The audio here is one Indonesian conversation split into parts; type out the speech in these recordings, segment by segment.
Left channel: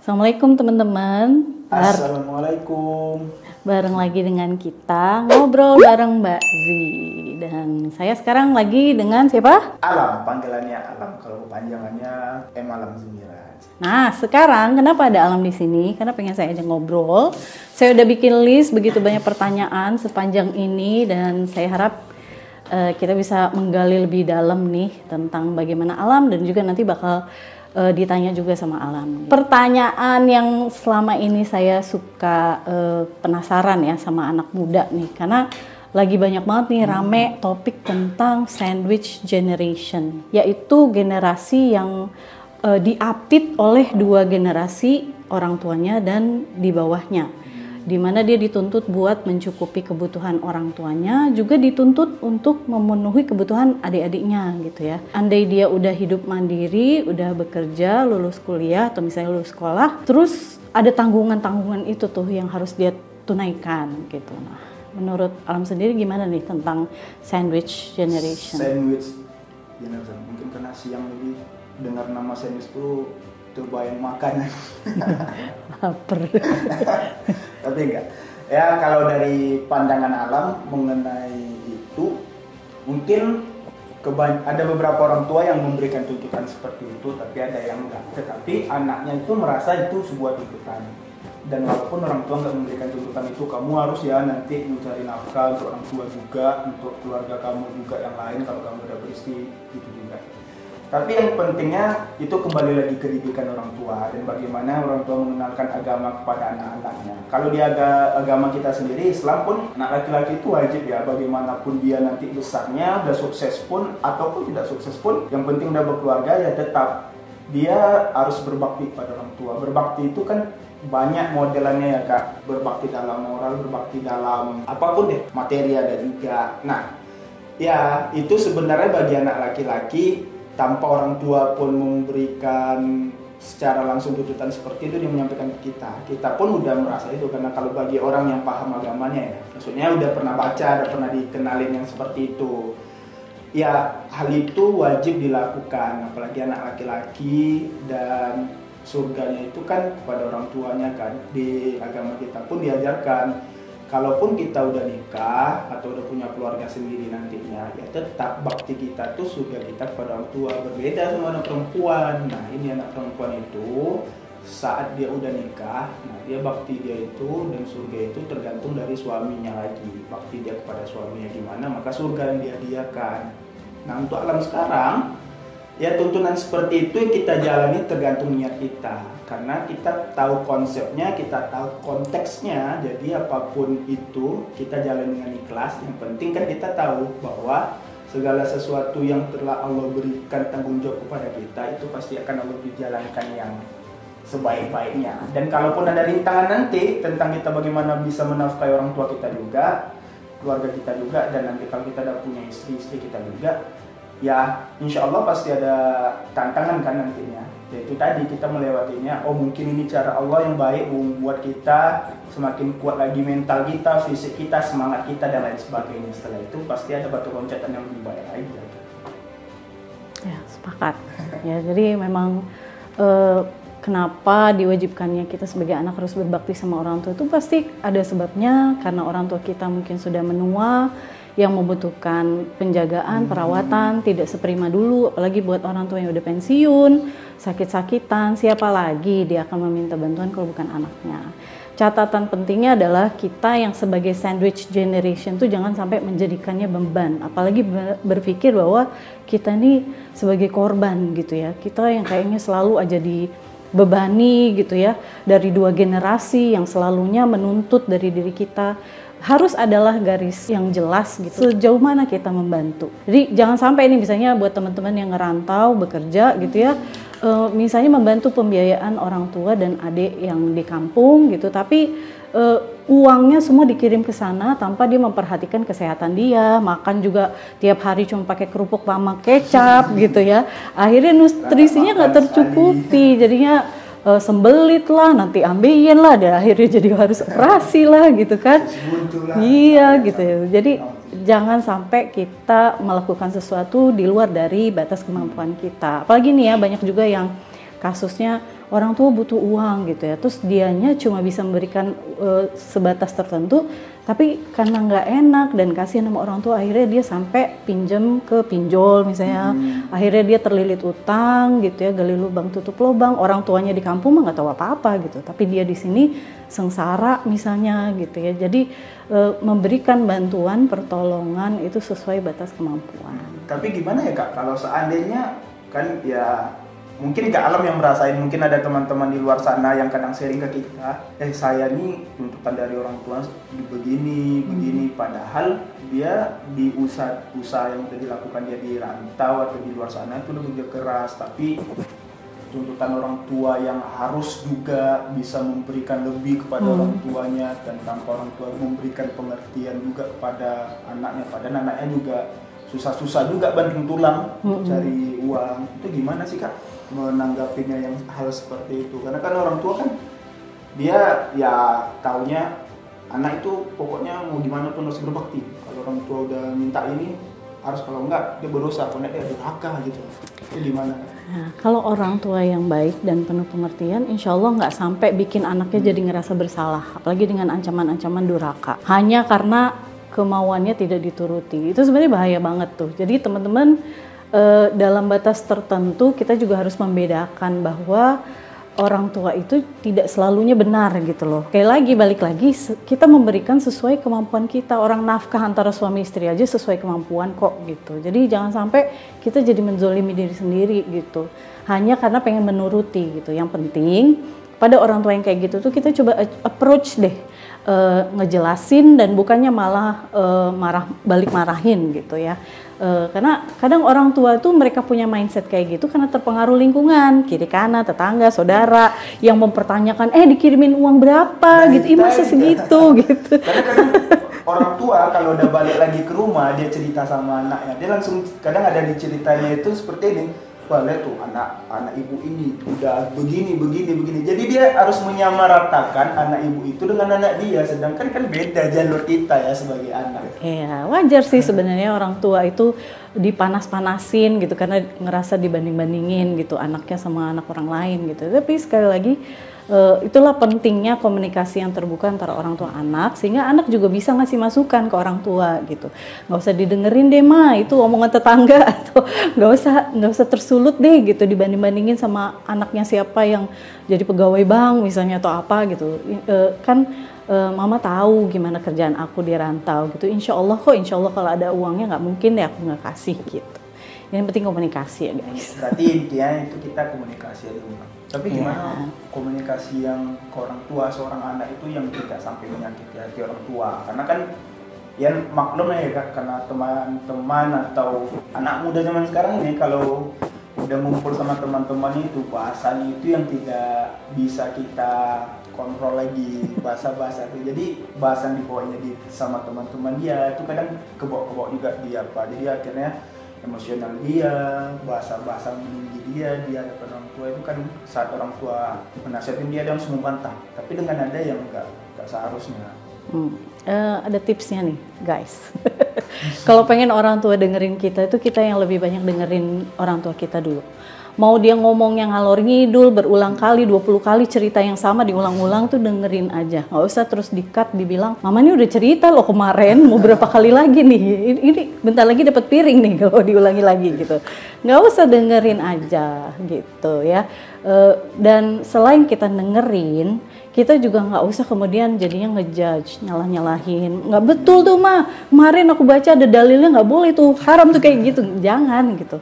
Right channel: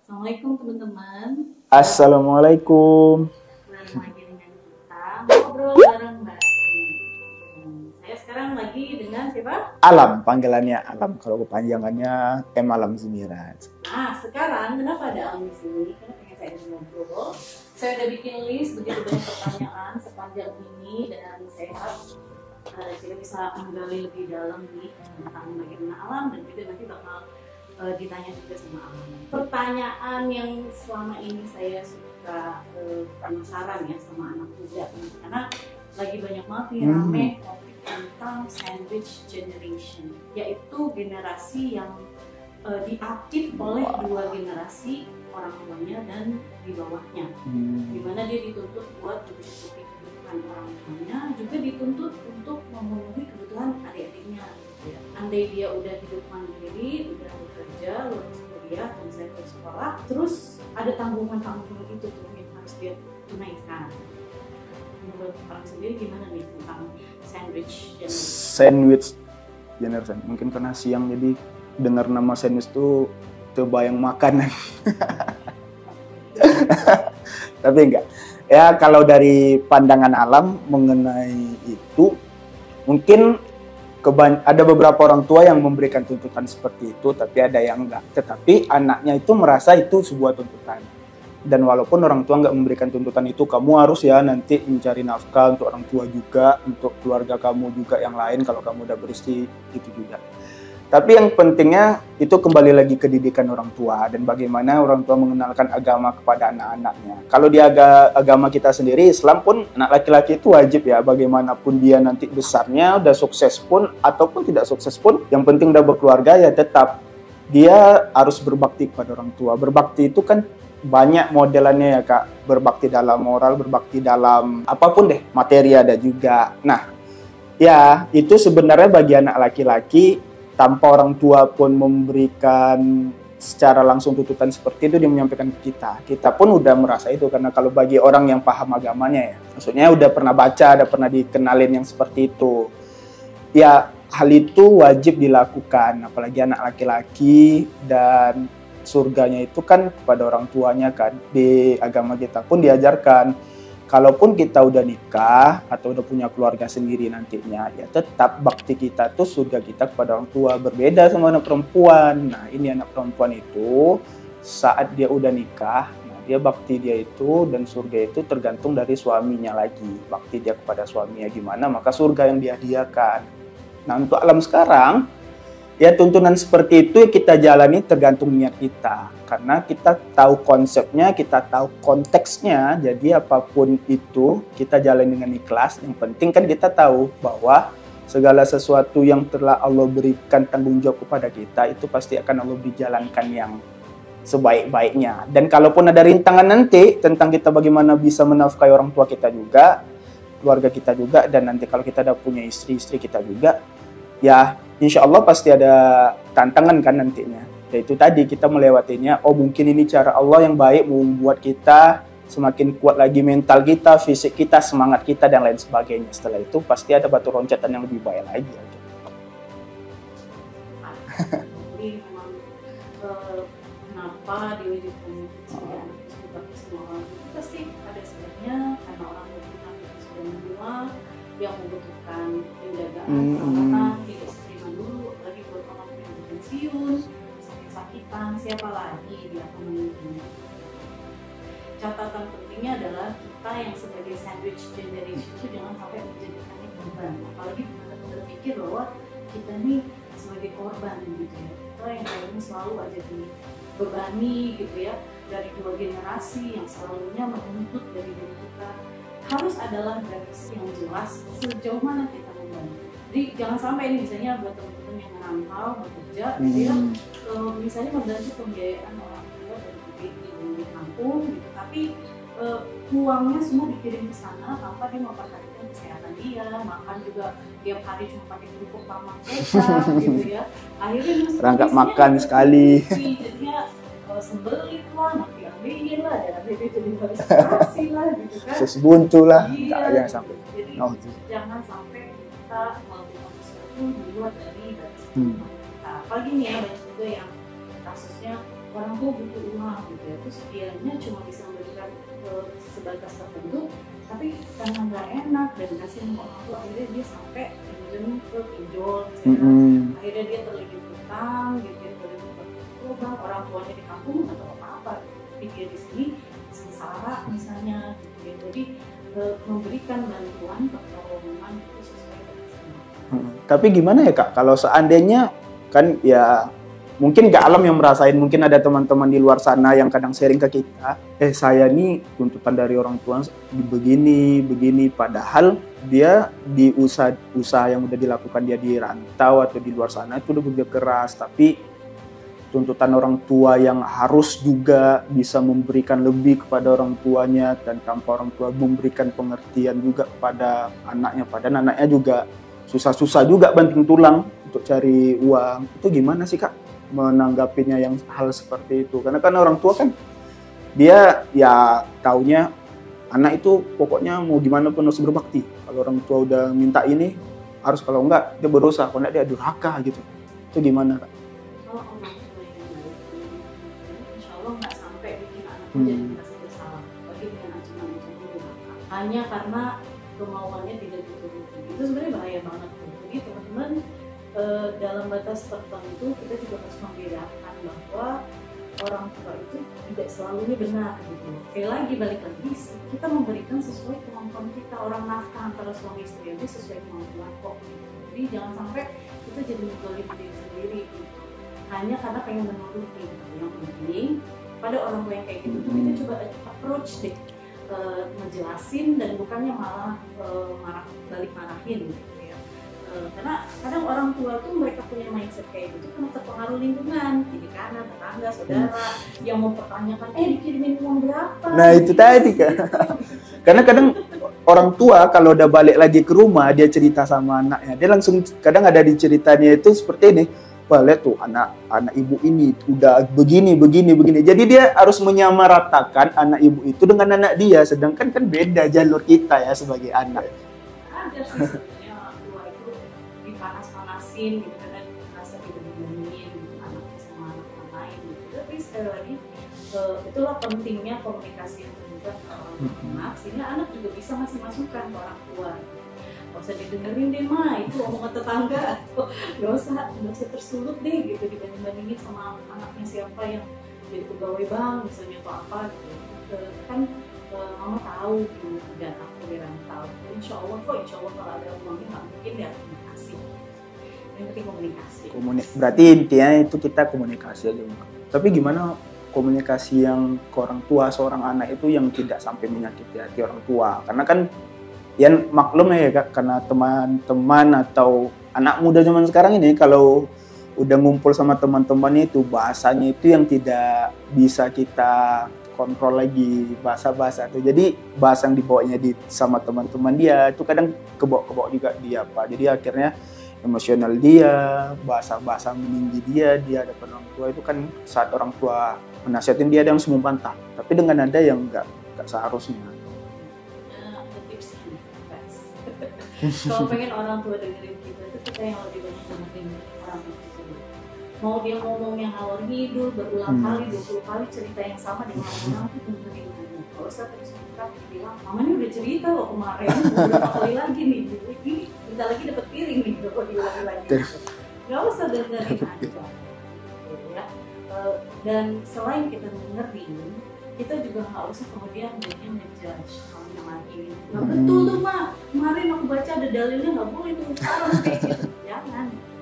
Assalamualaikum teman-teman. Assalamualaikum. Bareng lagi dengan kita ngobrol bareng Mbak Zi. Dan saya sekarang lagi dengan siapa? Alam, panggilannya Alam. Kalau kepanjangannya Alam Zemiran. Nah, sekarang kenapa ada Alam di sini? Karena pengen saya ajak ngobrol. Saya udah bikin list begitu banyak pertanyaan sepanjang ini dan saya harap kita bisa menggali lebih dalam nih tentang bagaimana Alam dan juga nanti bakal ditanya juga sama Alam. Pertanyaan yang selama ini saya suka penasaran ya sama anak muda nih, karena lagi banyak banget nih rame topik tentang sandwich generation, yaitu generasi yang diapit oleh dua generasi orang tuanya dan di bawahnya, dimana dia dituntut buat mencukupi kebutuhan orang tuanya, juga dituntut untuk memenuhi kebutuhan adik-adiknya gitu ya. Andai dia udah hidup mandiri, udah bekerja, lulus kuliah atau misalnya lulus sekolah, terus ada tanggungan-tanggungan itu tuh yang harus dia tunaikan gitu. Nah, menurut Alam sendiri gimana nih tentang sandwich generation? Sandwich generation, mungkin karena siang jadi dengar nama sandwich tuh terbayang makanan. Lapar. Tapi enggak. Ya kalau dari pandangan Alam mengenai itu, mungkin ada beberapa orang tua yang memberikan tuntutan seperti itu, tapi ada yang enggak. Tetapi anaknya itu merasa itu sebuah tuntutan. Dan walaupun orang tua enggak memberikan tuntutan itu, kamu harus ya nanti mencari nafkah untuk orang tua juga, untuk keluarga kamu juga yang lain kalau kamu udah beristri, itu juga. Tapi yang pentingnya itu kembali lagi ke didikan orang tua dan bagaimana orang tua mengenalkan agama kepada anak-anaknya. Kalau di agama kita sendiri, Islam pun anak laki-laki itu wajib ya, bagaimanapun dia nanti besarnya, udah sukses pun ataupun tidak sukses pun, yang penting udah berkeluarga ya tetap dia harus berbakti kepada orang tua. Berbakti itu kan banyak modelannya ya Kak, berbakti dalam moral, berbakti dalam apapun deh, materi ada juga. Nah ya itu sebenarnya bagi anak laki-laki, tanpa orang tua pun memberikan secara langsung tuntutan seperti itu, dia menyampaikan ke kita. Kita pun udah merasa itu, karena kalau bagi orang yang paham agamanya ya, maksudnya udah pernah baca, udah pernah dikenalin yang seperti itu. Ya hal itu wajib dilakukan, apalagi anak laki-laki, dan surganya itu kan kepada orang tuanya kan. Di agama kita pun diajarkan, kalaupun kita udah nikah atau udah punya keluarga sendiri nantinya, ya tetap bakti kita tuh surga kita kepada orang tua. Berbeda sama anak perempuan. Nah ini anak perempuan itu saat dia udah nikah, nah dia bakti dia itu dan surga itu tergantung dari suaminya lagi. Bakti dia kepada suaminya gimana, maka surga yang dihadiahkan. Nah untuk alam sekarang, ya tuntunan seperti itu kita jalani tergantung niat kita. Karena kita tahu konsepnya, kita tahu konteksnya, jadi apapun itu kita jalani dengan ikhlas. Yang penting kan kita tahu bahwa segala sesuatu yang telah Allah berikan tanggung jawab kepada kita, itu pasti akan Allah dijalankan yang sebaik-baiknya. Dan kalaupun ada rintangan nanti tentang kita bagaimana bisa menafkahi orang tua kita juga, keluarga kita juga, dan nanti kalau kita udah punya istri kita juga, ya insya Allah pasti ada tantangan kan nantinya. Ya itu tadi kita melewatinya, oh mungkin ini cara Allah yang baik membuat kita semakin kuat lagi mental kita, fisik kita, semangat kita dan lain sebagainya. Setelah itu pasti ada batu loncatan yang lebih baik lagi. Ya sepakat. Ya jadi memang kenapa diwajibkannya kita sebagai anak harus berbakti sama orang tua itu pasti ada sebabnya, karena orang tua kita mungkin sudah menua, yang membutuhkan penjagaan, perawatan, tidak seprima dulu, apalagi buat orang tua yang udah pensiun, sakit-sakitan, siapa lagi dia akan meminta bantuan kalau bukan anaknya. Catatan pentingnya adalah kita yang sebagai sandwich generation tuh jangan sampai menjadikannya beban, apalagi berpikir bahwa kita ini sebagai korban gitu ya, kita yang kayaknya selalu aja dibebani gitu ya, dari dua generasi yang selalunya menuntut dari diri kita. Harus adalah garis yang jelas gitu, sejauh mana kita membantu. Jadi jangan sampai ini misalnya buat teman-teman yang ngerantau bekerja gitu ya, misalnya membantu pembiayaan orang tua dan adik yang di kampung gitu, tapi uangnya semua dikirim ke sana tanpa dia memperhatikan kesehatan dia, makan juga tiap hari cuma pakai kerupuk sama kecap gitu ya, akhirnya nutrisinya nggak tercukupi, jadinya sembelit lah, nanti ambeien lah, dan akhirnya jadi harus operasi lah gitu kan. Buntu lah. Iya gitu ya. Jadi jangan sampai kita melakukan sesuatu di luar dari batas kemampuan kita. Apalagi nih ya, banyak juga yang kasusnya orang tua butuh uang gitu ya, terus dianya cuma bisa memberikan sebatas tertentu, tapi karena nggak enak dan kasihan sama orang tua, akhirnya dia sampai pinjam ke pinjol misalnya, akhirnya dia terlilit utang gitu ya, gali lubang tutup lubang, orang tuanya di kampung mah nggak tahu apa-apa gitu, tapi dia di sini sengsara misalnya gitu ya. Jadi memberikan bantuan pertolongan itu sesuai batas kemampuan. Tapi gimana ya Kak, kalau seandainya kan ya mungkin Kak Alam yang merasain, mungkin ada teman-teman di luar sana yang kadang sharing ke kita, saya nih tuntutan dari orang tua begini, padahal dia di usaha yang udah dilakukan dia di rantau atau di luar sana itu udah bekerja keras, tapi tuntutan orang tua yang harus juga bisa memberikan lebih kepada orang tuanya, dan tanpa orang tua memberikan pengertian juga kepada anaknya, padahal anaknya juga susah-susah juga banting tulang untuk cari uang. Itu gimana sih Kak menanggapinya yang hal seperti itu? Karena kan orang tua kan dia ya taunya anak itu pokoknya mau gimana pun harus berbakti. Kalau orang tua udah minta ini harus, kalau enggak dia berdosa, kalau enggak dia durhaka gitu. Itu gimana Kak? Nah, kalau orang tua yang baik dan penuh pengertian, insya Allah nggak sampai bikin anaknya jadi ngerasa bersalah, apalagi dengan ancaman-ancaman durhaka hanya karena kemauannya tidak dituruti. Itu sebenarnya bahaya banget tuh. Jadi teman-teman, dalam batas tertentu kita juga harus membedakan bahwa orang tua itu tidak selalunya benar gitu loh. Balik lagi kita memberikan sesuai kemampuan kita. Orang nafkah antara suami istri aja sesuai kemampuan kok gitu. Jadi jangan sampai kita jadi menzolimi diri sendiri gitu, hanya karena pengen menuruti gitu. Yang penting pada orang tua yang kayak gitu tuh kita coba approach deh, ngejelasin dan bukannya malah marahin gitu ya. Karena kadang orang tua itu mereka punya mindset kayak gitu karena terpengaruh lingkungan, kiri kanan, tetangga, saudara yang mempertanyakan dikirimin uang berapa, gitu, masih segitu gitu. Karena kadang orang tua kalau udah balik lagi ke rumah, dia cerita sama anaknya, dia langsung kadang ada di ceritanya itu seperti ini, wah lihat tuh anak ibu ini udah begini. Jadi dia harus menyamaratakan anak ibu itu dengan anak dia, sedangkan kan beda jalur kita ya sebagai anak. Iya, wajar sih sebenarnya orang tua itu dipanas-panasin gitu karena ngerasa dibanding-bandingin gitu anaknya sama anak orang lain gitu. Tapi sekali lagi itulah pentingnya komunikasi yang terbuka antara orang tua anak, sehingga anak juga bisa ngasih masukan ke orang tua gitu. Nggak usah didengerin deh itu omongan tetangga, atau nggak usah tersulut deh gitu dibanding-bandingin sama anaknya siapa yang jadi pegawai bank misalnya atau apa gitu. Mama tahu gimana kerjaan aku di rantau gitu. Insya Allah kalau ada uangnya nggak mungkin deh aku nggak kasih gitu. Yang penting komunikasi ya guys. Berarti intinya itu kita komunikasi aja. Tapi gimana komunikasi yang ke orang tua seorang anak itu yang tidak sampai menyakiti hati orang tua? Karena kan ya maklum ya Kak, karena teman-teman atau anak muda zaman sekarang ini kalau udah ngumpul sama teman-teman itu bahasanya itu yang tidak bisa kita kontrol lagi, bahasa itu. Jadi bahasa yang dibawanya sama teman-teman dia itu kadang kebawa juga dia Pak. Jadi akhirnya emosional dia, bahasa meninggi dia depan orang tua itu kan saat orang tua menasihatin dia langsung membantah. Tapi dengan nada yang enggak seharusnya. Ada tipsnya nih guys. Kalau pengen orang tua dengerin kita itu kita yang lebih banyak dengerin orang tua kita dulu. Mau dia ngomong yang ngalor ngidul berulang kali, 20 kali cerita yang sama diulang-ulang tuh dengerin aja. Nggak usah terus di-cut dibilang, mama ini udah cerita loh kemarin, mau berapa kali lagi nih. Ini bentar lagi dapat piring nih kalau diulangi lagi gitu. Nggak usah dengerin aja gitu ya. Dan selain kita dengerin, kita juga nggak usah kemudian jadinya ngejudge, nyalah-nyalahin. Nggak betul tuh Ma, kemarin aku baca ada dalilnya nggak boleh tuh, haram tuh kayak gitu. Jangan gitu.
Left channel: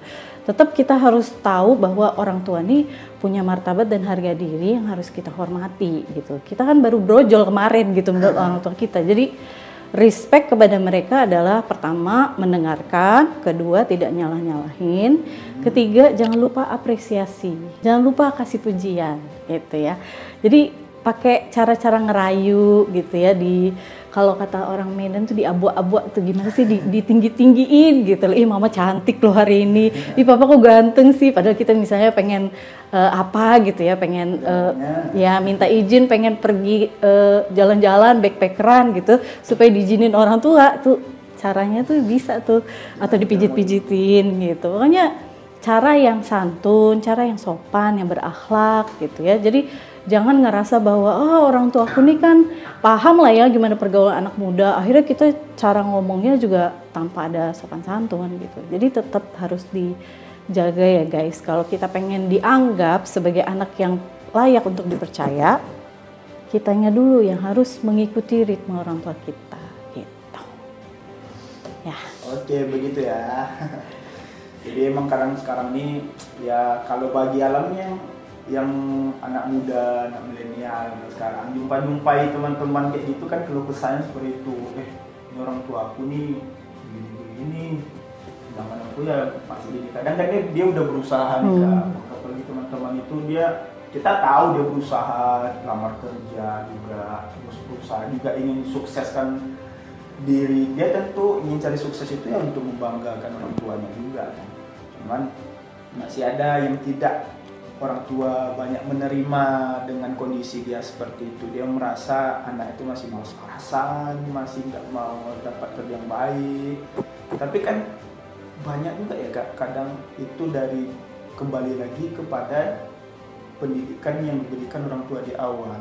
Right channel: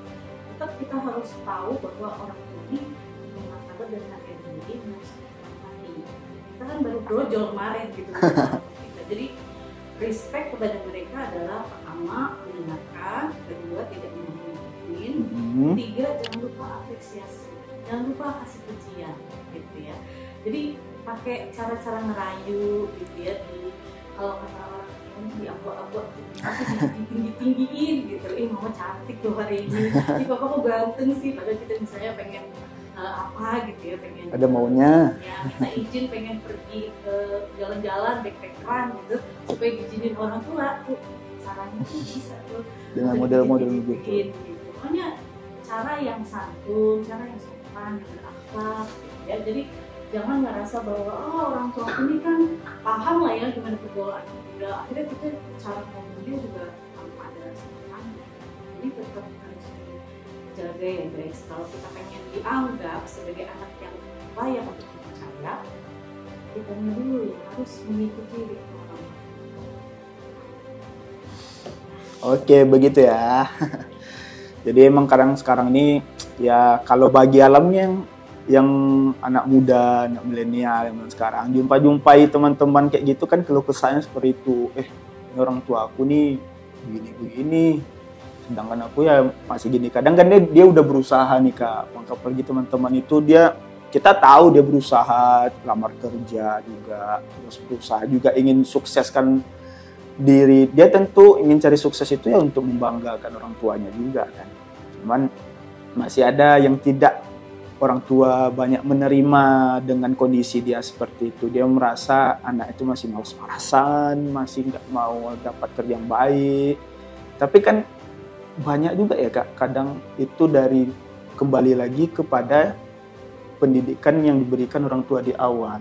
Tetap kita harus tahu bahwa orang tua nih punya martabat dan harga diri yang harus kita hormati gitu. Kita kan baru brojol kemarin gitu menurut orang tua kita. Jadi respect kepada mereka adalah pertama mendengarkan, kedua tidak nyalah-nyalahin, ketiga jangan lupa apresiasi, jangan lupa kasih pujian gitu ya. Jadi pakai cara-cara ngerayu gitu ya, di kalau kata orang Medan tuh diabu-abu tuh gimana sih, ditinggi-tinggiin gitu. Ih mama cantik loh hari ini, ih papa kok ganteng sih, padahal kita misalnya pengen apa gitu ya, pengen ya minta izin pengen pergi jalan-jalan backpackeran gitu supaya diizinin orang tua tuh, caranya tuh bisa tuh ya, atau dipijit-pijitin gitu. Makanya cara yang santun, cara yang sopan, yang berakhlak gitu ya. Jadi jangan ngerasa bahwa orang tua aku nih kan paham lah ya gimana pergaulan anak muda. Akhirnya kita cara ngomongnya juga tanpa ada sopan santun gitu. Jadi tetap harus dijaga ya guys. Kalau kita pengen dianggap sebagai anak yang layak untuk dipercaya, kitanya dulu yang harus mengikuti ritme orang tua kita gitu. Ya. Oke, begitu ya. Jadi emang sekarang ini ya kalau bagi alamnya yang anak muda, anak milenial yang sekarang jumpai teman-teman kayak gitu kan, keluh kesahnya seperti itu. Ini orang tua aku nih begini, sedangkan aku ya masih gini. Kadang kan dia udah berusaha nih Kak. Apalagi teman-teman itu kita tahu dia berusaha lamar kerja juga, terus berusaha juga ingin sukseskan diri. Dia tentu ingin cari sukses itu ya untuk membanggakan orang tuanya juga kan. Cuman masih ada yang tidak, orang tua banyak menerima dengan kondisi dia seperti itu. Dia merasa anak itu masih malas-malasan, masih nggak mau dapat kerja yang baik. Tapi kan banyak juga ya Kak, kadang itu kembali lagi kepada pendidikan yang diberikan orang tua di awal.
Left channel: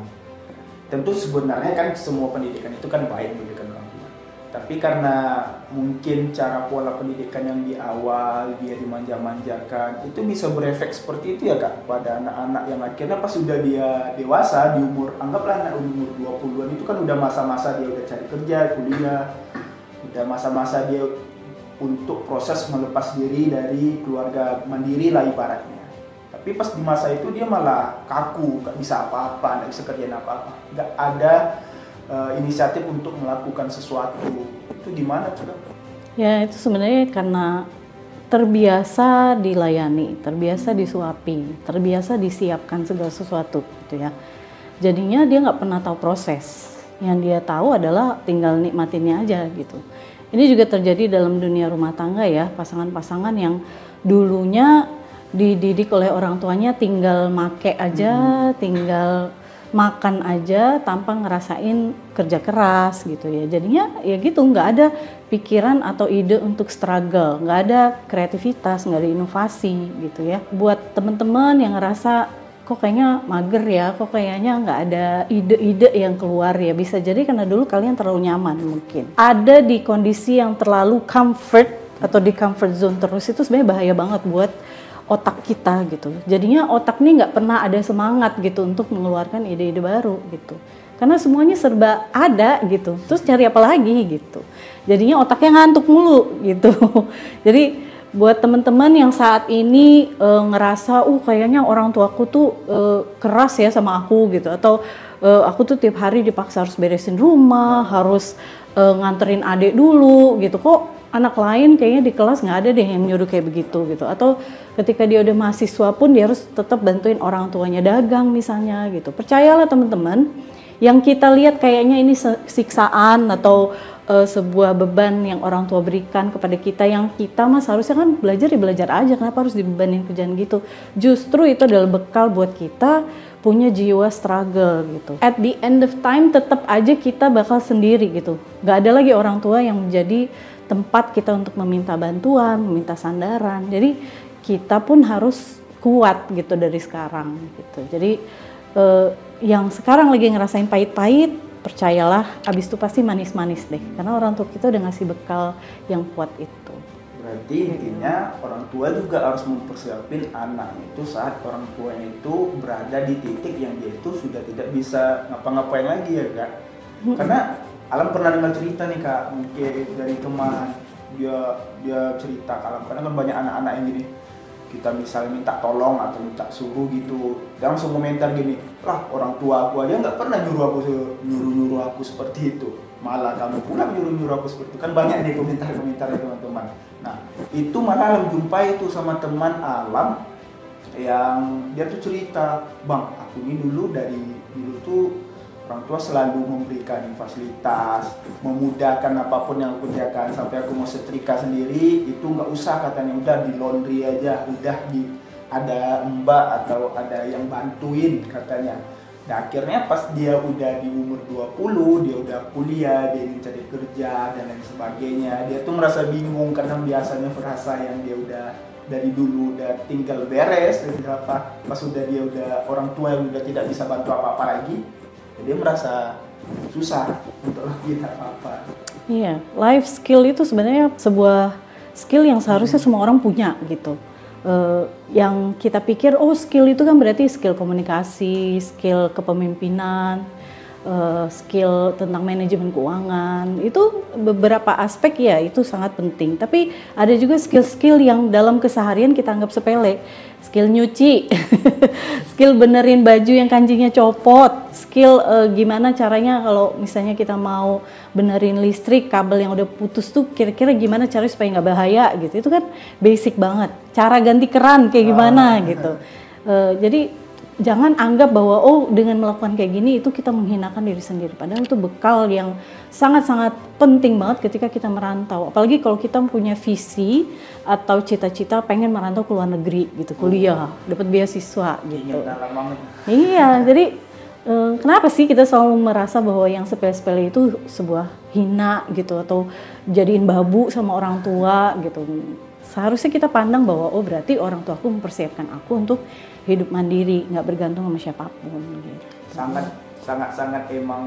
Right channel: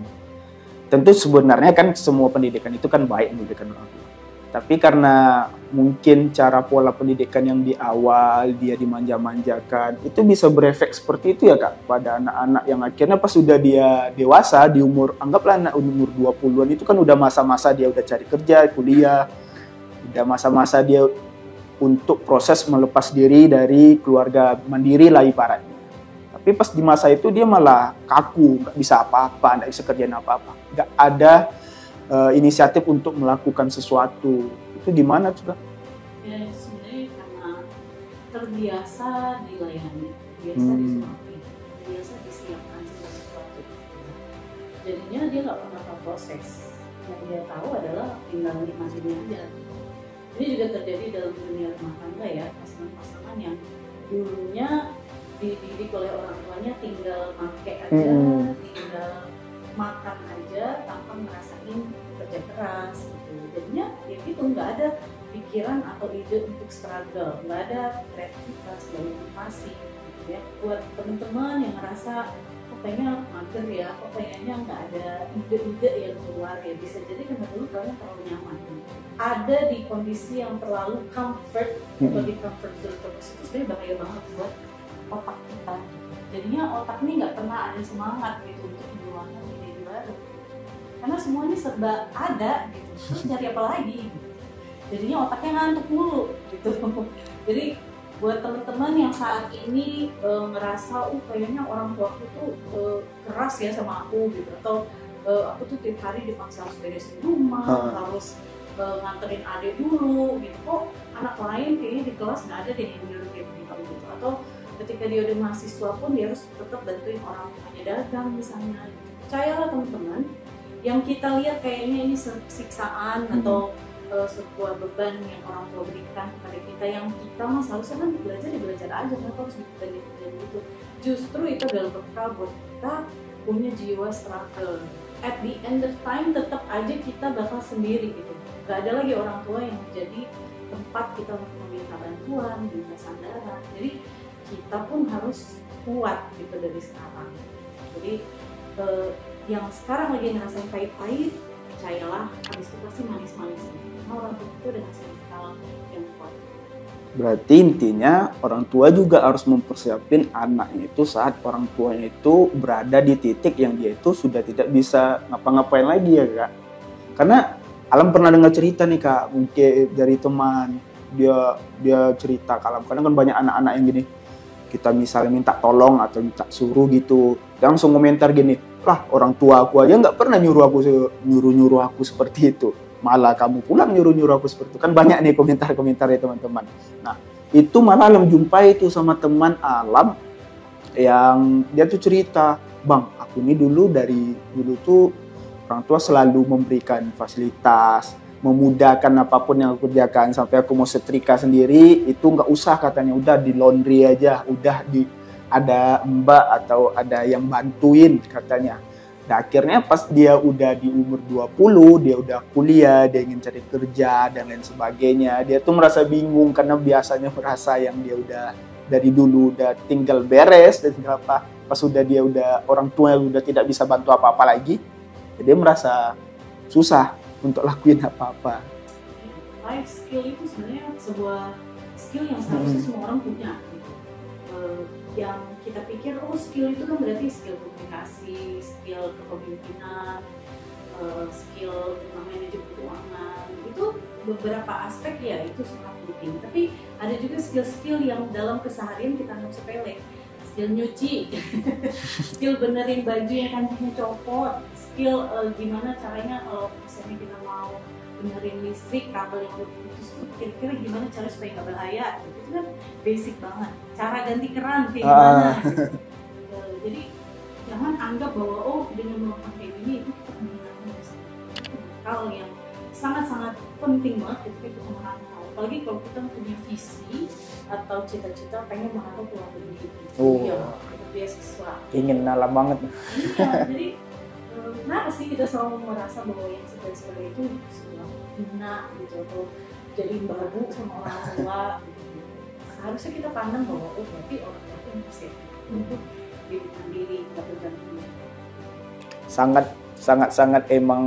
Tentu sebenarnya kan semua pendidikan itu kan baik memberikan orang tua. Tapi karena mungkin cara pola pendidikan yang di awal dia dimanja-manjakan, itu bisa berefek seperti itu ya Kak pada anak-anak yang akhirnya pas sudah dia dewasa di umur, anggaplah anak umur 20-an itu kan udah masa-masa dia udah cari kerja, kuliah, udah masa-masa dia untuk proses melepas diri dari keluarga mandiri lah ibaratnya. Tapi pas di masa itu dia malah kaku, nggak bisa apa-apa, nggak bisa kerjaan apa-apa, nggak ada inisiatif untuk melakukan sesuatu. Itu gimana Kak? Ya itu sebenarnya karena terbiasa dilayani, terbiasa disuapi, terbiasa disiapkan segala sesuatu gitu ya. Jadinya dia nggak pernah tahu proses. Yang dia tahu adalah tinggal nikmatinnya aja gitu. Ini juga terjadi dalam dunia rumah tangga ya, pasangan-pasangan yang dulunya dididik oleh orang tuanya tinggal make aja, tinggal makan aja tanpa ngerasain kerja keras gitu ya. Jadinya ya gitu, nggak ada pikiran atau ide untuk struggle, nggak ada kreativitas, nggak ada inovasi gitu ya. Buat teman-teman yang ngerasa kok kayaknya mager ya, kok kayaknya nggak ada ide-ide yang keluar ya, bisa jadi karena dulu kalian terlalu nyaman mungkin. Ada di kondisi yang terlalu comfort atau di comfort zone terus, itu sebenarnya bahaya banget buat otak kita gitu. Jadinya otak nih nggak pernah ada semangat gitu untuk mengeluarkan ide-ide baru gitu. Karena semuanya serba ada gitu. Terus cari apa lagi gitu. Jadinya otaknya ngantuk mulu gitu. Jadi buat teman-teman yang saat ini ngerasa kayaknya orang tuaku tuh keras ya sama aku gitu, atau aku tuh tiap hari dipaksa harus beresin rumah, harus nganterin adik dulu gitu. Kok anak lain kayaknya di kelas nggak ada deh yang nyuruh kayak begitu gitu. Atau ketika dia udah mahasiswa pun dia harus tetap bantuin orang tuanya dagang misalnya gitu. Percayalah teman-teman, yang kita lihat kayaknya ini siksaan atau sebuah beban yang orang tua berikan kepada kita, yang kita mah seharusnya kan belajar ya belajar aja, kenapa harus dibebanin kerjaan gitu. Justru itu adalah bekal buat kita punya jiwa struggle gitu. At the end of time tetap aja kita bakal sendiri gitu. Gak ada lagi orang tua yang menjadi tempat kita untuk meminta bantuan, meminta sandaran. Jadi kita pun harus kuat gitu dari sekarang gitu. Jadi yang sekarang lagi ngerasain pahit-pahit, percayalah abis itu pasti manis-manis deh. Karena orang tua kita udah ngasih bekal yang kuat itu. Berarti intinya orang tua juga harus mempersiapin anaknya itu saat orang tuanya itu berada di titik yang dia itu sudah tidak bisa ngapa-ngapain lagi ya Kak. Karena Alam pernah dengar cerita nih Kak, mungkin dari teman, dia cerita Alam, kadang kan banyak anak-anak yang gini, kita misalnya minta tolong atau minta suruh gitu, dia langsung komentar gini, lah orang tua aku aja nggak pernah nyuruh aku seperti itu, malah kamu pulang nyuruh aku seperti itu. Kan banyak nih komentar-komentar ya teman-teman. Nah itu malah Alam jumpai itu sama teman Alam yang dia tuh cerita, bang aku ini dulu tuh orang tua selalu memberikan fasilitas, memudahkan apapun yang aku kerjakan. Sampai aku mau setrika sendiri, itu nggak usah katanya, udah di laundry aja, ada mbak atau ada yang bantuin katanya. Nah akhirnya pas dia udah di umur 20, dia udah kuliah, dia ingin cari kerja dan lain sebagainya. Dia tuh merasa bingung karena biasanya merasa yang dia udah dari dulu udah tinggal beres dan apa. Pas dia udah orang tua yang udah tidak bisa bantu apa-apa lagi, dia merasa susah untuk lakuin apa-apa. Iya, life skill itu sebenarnya sebuah skill yang seharusnya semua orang punya gitu. Yang kita pikir, oh skill itu kan berarti skill komunikasi, skill kepemimpinan, skill tentang manajemen keuangan. Itu beberapa aspek ya, itu sangat penting. Tapi ada juga skill-skill yang dalam keseharian kita anggap sepele. Skill nyuci, skill benerin baju yang kancingnya copot, skill gimana caranya kalau misalnya kita mau benerin listrik, kabel yang udah putus tuh kira-kira gimana caranya supaya nggak bahaya gitu. Itu kan basic banget. Cara ganti keran kayak gimana gitu. Jadi jangan anggap bahwa oh dengan melakukan kayak gini itu kita menghinakan diri sendiri. Padahal itu bekal yang sangat-sangat penting banget ketika kita merantau. Apalagi kalau kita punya visi atau cita-cita pengen merantau ke luar negeri gitu, kuliah, dapat beasiswa gitu. Ingin alam banget. Iya, jadi kenapa sih kita selalu merasa bahwa yang sepele-sepele itu sebuah hina gitu atau jadiin babu sama orang tua gitu. Seharusnya kita pandang bahwa oh berarti orang tuaku mempersiapkan aku untuk hidup mandiri, nggak bergantung sama siapapun. Sangat emang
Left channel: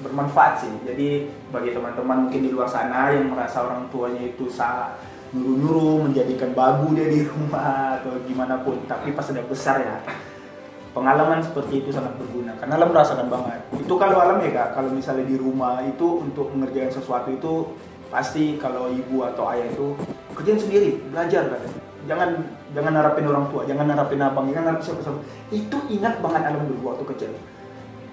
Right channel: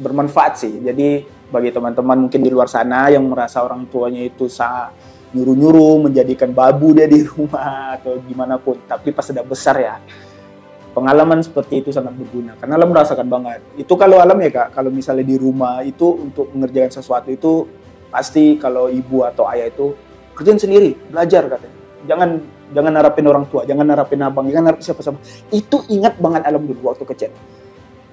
bermanfaat sih. Jadi bagi teman-teman mungkin di luar sana yang merasa orang tuanya itu nyuruh-nyuruh, menjadikan babu dia di rumah atau gimana pun, tapi pas sudah besar ya, pengalaman seperti itu sangat berguna. Karena Alam merasakan banget. Itu kalau Alam ya Kak, kalau misalnya di rumah itu untuk mengerjakan sesuatu itu pasti kalau ibu atau ayah itu kerjain sendiri, belajar katanya. Jangan harapin orang tua, jangan harapin abang, jangan harapin siapa-siapa. Itu ingat banget Alam dulu waktu kecil.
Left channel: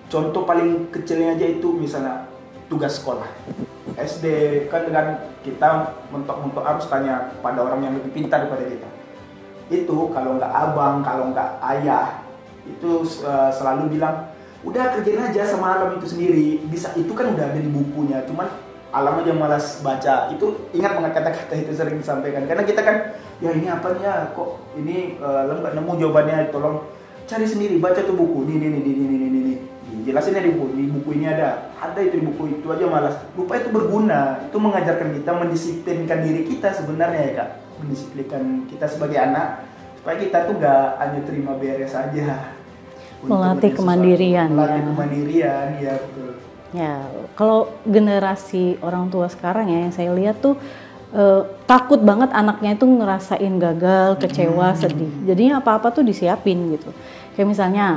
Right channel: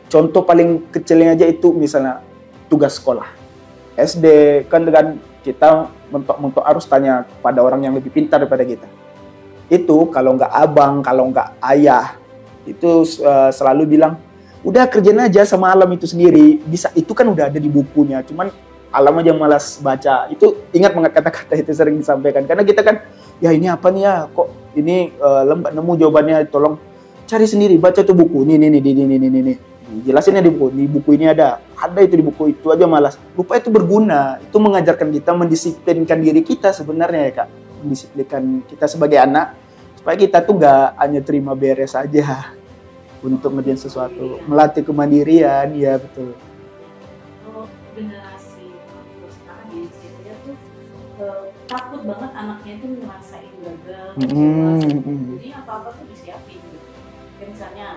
Contoh paling kecilnya aja itu misalnya tugas sekolah. SD kan dengan kita mentok-mentok harus tanya pada orang yang lebih pintar daripada kita. Itu kalau nggak abang, kalau nggak ayah, itu selalu bilang, udah kerjain aja sama Alam itu sendiri. Bisa, itu kan udah ada di bukunya, cuman Alam aja malas baca. Itu ingat banget kata-kata itu sering disampaikan. Karena kita kan, ya ini apa nih ya, kok ini Alam nggak nemu jawabannya, tolong cari sendiri, baca tuh buku, ini. Jelasinnya di buku ini ada itu di buku itu aja malas. Lupa itu berguna, itu mengajarkan kita mendisiplinkan diri kita sebenarnya ya Kak. Mendisiplinkan kita sebagai anak, supaya kita tuh nggak hanya terima beres aja. Melatih kemandirian. Melatih kemandirian, ya betul. Ya, kalau generasi orang tua sekarang ya yang saya lihat tuh takut banget anaknya itu ngerasain gagal, kecewa, sedih. Jadinya apa-apa tuh disiapin gitu. Kayak misalnya,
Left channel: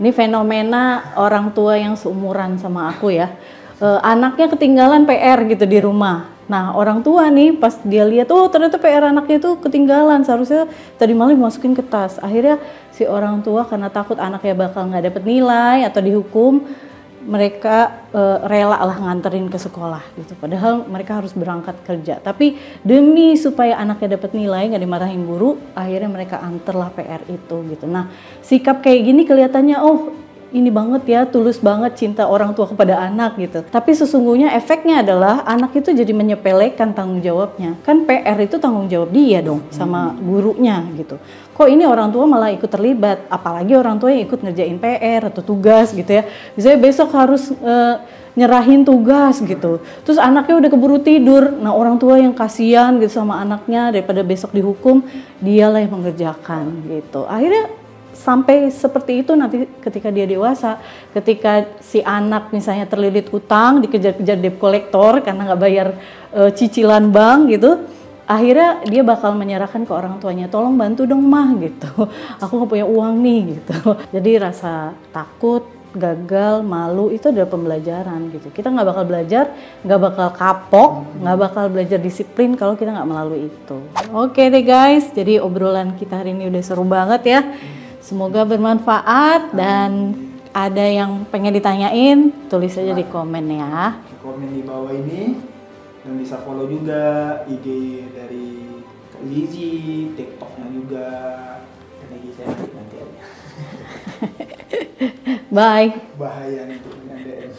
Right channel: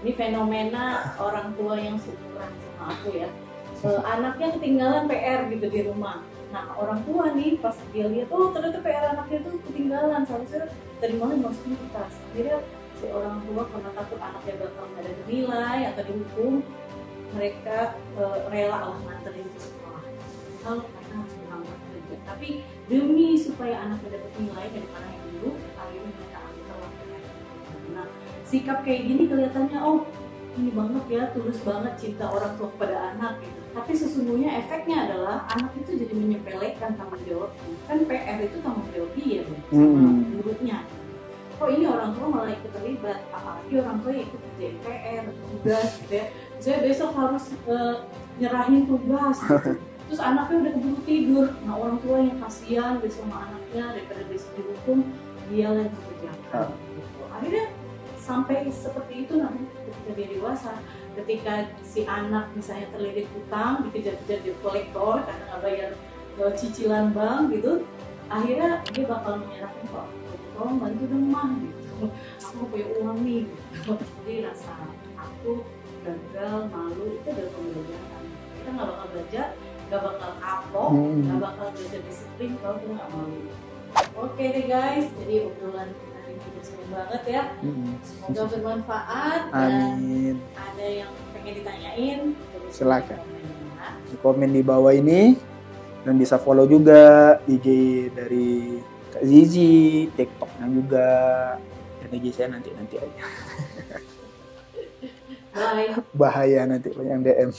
ini fenomena orang tua yang seumuran sama aku ya. Anaknya ketinggalan PR gitu di rumah. Nah orang tua nih pas dia lihat, oh ternyata PR anaknya itu ketinggalan, seharusnya tadi malam dimasukin ke tas. Akhirnya si orang tua karena takut anaknya bakal nggak dapet nilai atau dihukum, mereka rela lah nganterin ke sekolah gitu. Padahal mereka harus berangkat kerja. Tapi demi supaya anaknya dapat nilai, nggak dimarahin guru, akhirnya mereka anterlah PR itu gitu. Nah, sikap kayak gini kelihatannya, oh ini banget ya, tulus banget cinta orang tua kepada anak gitu. Tapi sesungguhnya efeknya adalah anak itu jadi menyepelekan tanggung jawabnya. Kan PR itu tanggung jawab dia dong sama gurunya gitu. Kok ini orang tua malah ikut terlibat, apalagi orang tua yang ikut ngerjain PR atau tugas gitu ya. Misalnya besok harus nyerahin tugas gitu. Terus anaknya udah keburu tidur. Nah orang tua yang kasihan gitu sama anaknya, daripada besok dihukum, dialah yang mengerjakan gitu. Akhirnya sampai seperti itu nanti ketika dia dewasa, ketika si anak misalnya terlilit hutang, dikejar-kejar debt collector karena nggak bayar cicilan bank gitu, akhirnya dia bakal menyerahkan ke orang tuanya, tolong bantu dong mah gitu, aku nggak punya uang nih gitu. Jadi rasa takut, gagal, malu itu adalah pembelajaran gitu. Kita nggak bakal belajar, nggak bakal kapok, nggak bakal belajar disiplin kalau kita nggak melalui itu. Oke deh guys, jadi obrolan kita hari ini udah seru banget ya. Semoga bermanfaat. Dan ada yang pengen ditanyain, tulis aja di komen ya. Di komen di bawah ini, dan bisa follow juga IG dari Kak Zizi, TikToknya juga, dan IG saya nanti aja. Bye. Bahaya nanti yang DM.